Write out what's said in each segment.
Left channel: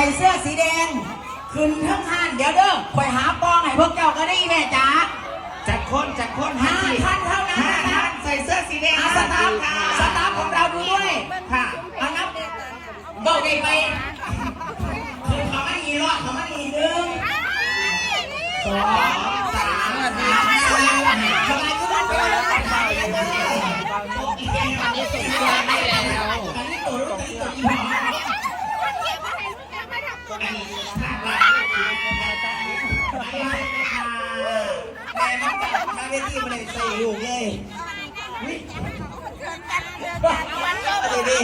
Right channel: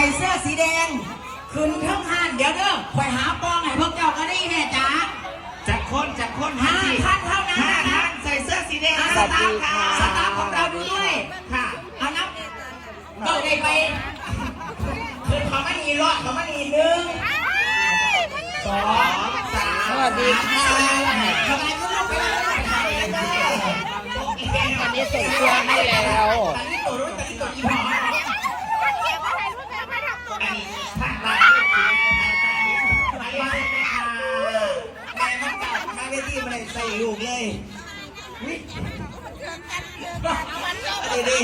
ส่เสื้อสีแดงขึ้นทั้งห้านเดี๋ยวเด้อคอยหาปองให้พวกเจ้าก็ได้แม่จ๋าจากคนจากคนห้าสิท่านเท่านั้นห้านะท่านใส่เสื้อสีแดงอานะสคตารัฟบค่ะสตาฟของเราดูด้วยค่ะอันนับเก้าได้ไปคือเขาไม่มีรอดเขาไม่มีหนึ่งสอง เวทีมาเลยใส่ลูกเลยอะไรดี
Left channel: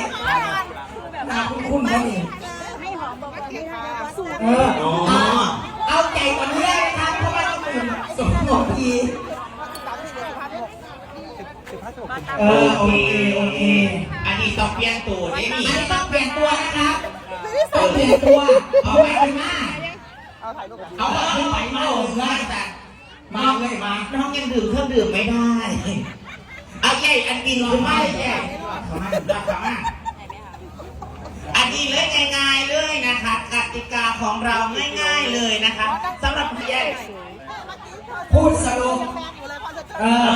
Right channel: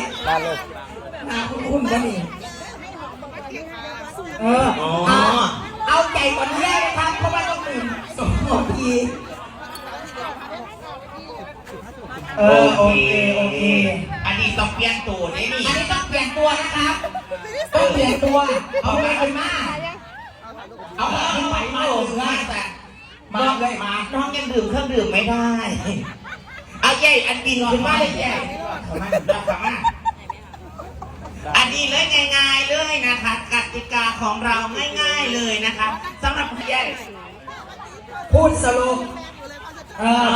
นาคุณคุณก็มีเออเอาใจกว่านี้นะครับเพราะว่าเราเป็นสองนาทีเออโอเคโอเคอันนี้ต้องเปลี่ยนตูดอันนี่นี้นี่ต้องเปลี่ยนตัวนะครับต้องเปลี่ยนตัวเอาไปเลยมาเอาเอาไปมาลงได้แต่ มาเลยมาน้องยังดื่มเครื่องดื่มไม่ได้เอาใหญ่อันกินคือไม่ใหญ่ขมาขมาอันนี้เลยง่ายๆเลยนะคะกติกาของเราง่ายๆเลยนะคะสำหรับพี่ใหญ่พูดสโลเออ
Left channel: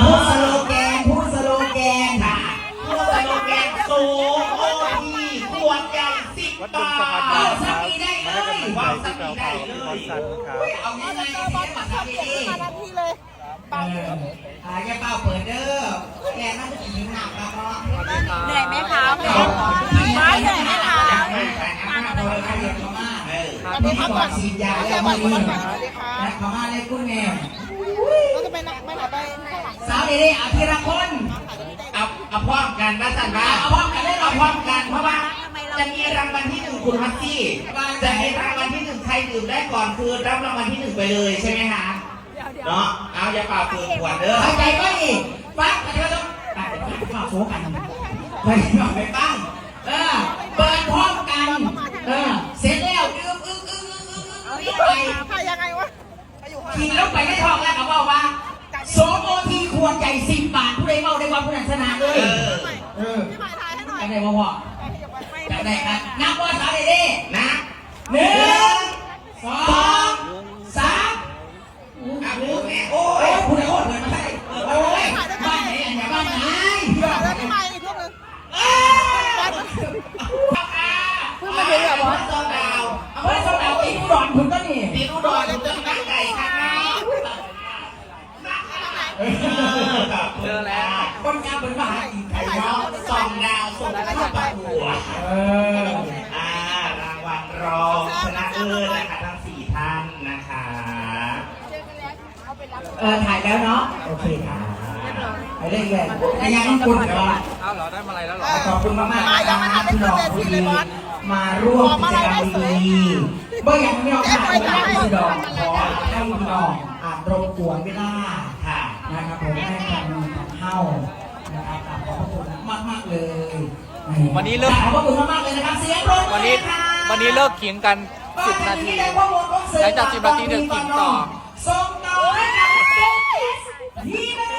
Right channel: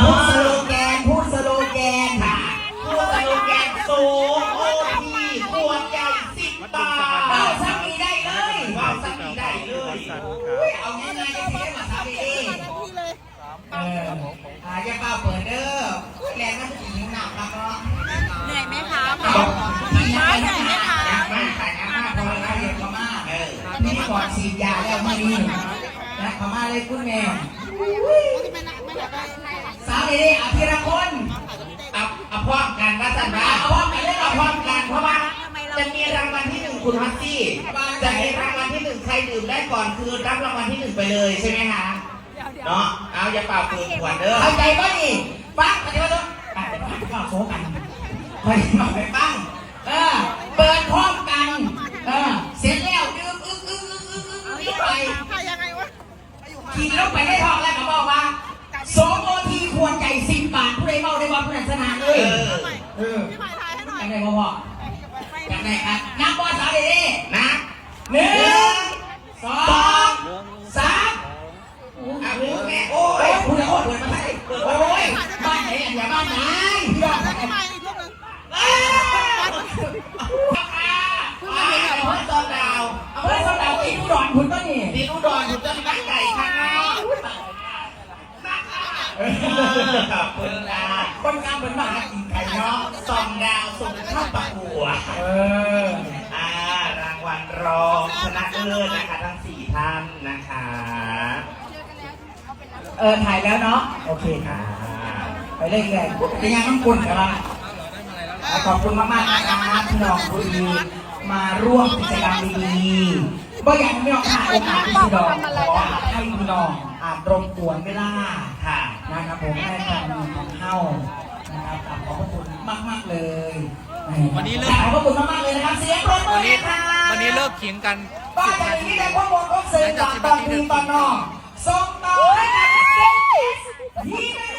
ให้กำลังใจที่แปลวเผาที่บอสสันครับเอาง่ายๆเลยมาทำเองนมาทีเลยเออหายจะเป้าเปิดเด้อแกต้องผีหนักมาเพราะเหนื่อยไหมคะม้าเหนื่อยไหมคะมาอะไรกันเดี๋ยวเขามาตอนนี้ก่อนฉีดยาแล้วมานี่นะเขามาเลยคุณแม่เราจะไปไหนไปไหนไปสาวเอ๋อภิรพลเอาเอาพร้อมกันนะสันนะเอาพร้อมกันเอาพร้อมกันเพราะว่าจะมีรางวัลที่หนึ่งคุณมัตซี่จะเห็นรางวัล ใครดื่มได้ก่อนคือรับรางวัลที่หนึ่งไปเลยใช่ไหมคะเนาะเอาอย่าเป่าเปลือกขวดเด้อเข้าใจไหมนี่ฟังกันแล้วอะฟังโฟกันไม่ไม่ฟังเออเปิดพร้อมกันเออเสร็จแล้วดื่มอึ้งอึ้งอึ้งอึ้งอึ้งไปพายังไงวะไปอยู่ข้างกินแล้วไปได้ทองแล้วเขาบอกว่าโซโมทีควรใจสิบบาทผู้ใดเมาได้ว่าผู้นั้นชนะเลยเออพี่หมายทายให้หน่อยไปไหนมาบอกไปไปไหนอะนับว่าสาวเอ๋นะหนึ่ง สองสามเอาพูดแม่โอ้โอ้ยยผู้ใดคนเปิดมาให้โอ้ยบ้านไหนอันไหนบ้านไหนแล้วพี่หมาอีกรูปนึงเพิ่งมาถึงแบบว่าโซดาวเอาไว้สำหรับที่ผู้หลอนคุณก็นี่มีกดอนจะตั้งใจค่ะขอบคุณแล้วคนงานเป็นมหาอินไทยแล้วส่องดาวส่งดาวประกวดเอออ่ารางวัลรองชนะเลิศนะคะทั้งสี่ท่า นนะคะ เออถ่ายแล้วเนาะ โอเคค่ะ ไปเล่นเลยแต่ยังต้องคุณเดี๋ยวละอ้าวเหรอได้มาอะไรแล้วเหรอขอบคุณมากมากๆนะครับที่เราคุยมาร่วมกิจกรรมดีๆบ่อย่างนี้เราถ่ายมาที่ดอกขอให้พี่น้องอ่านรบกวนไม่ได้ค่ะนะครับผมก็ได้ทำเข้านะครับขอบพระคุณมากๆเลย วันนี้เลิกขอบพระคุณมากๆเลยนะครับเสียงปรบมือวันนี้ครับวันนี้เลิกเขียงกัน 10นาที หลังจาก10นาทีเดินกินต่อ ส่งต่อให้กับเด็กที่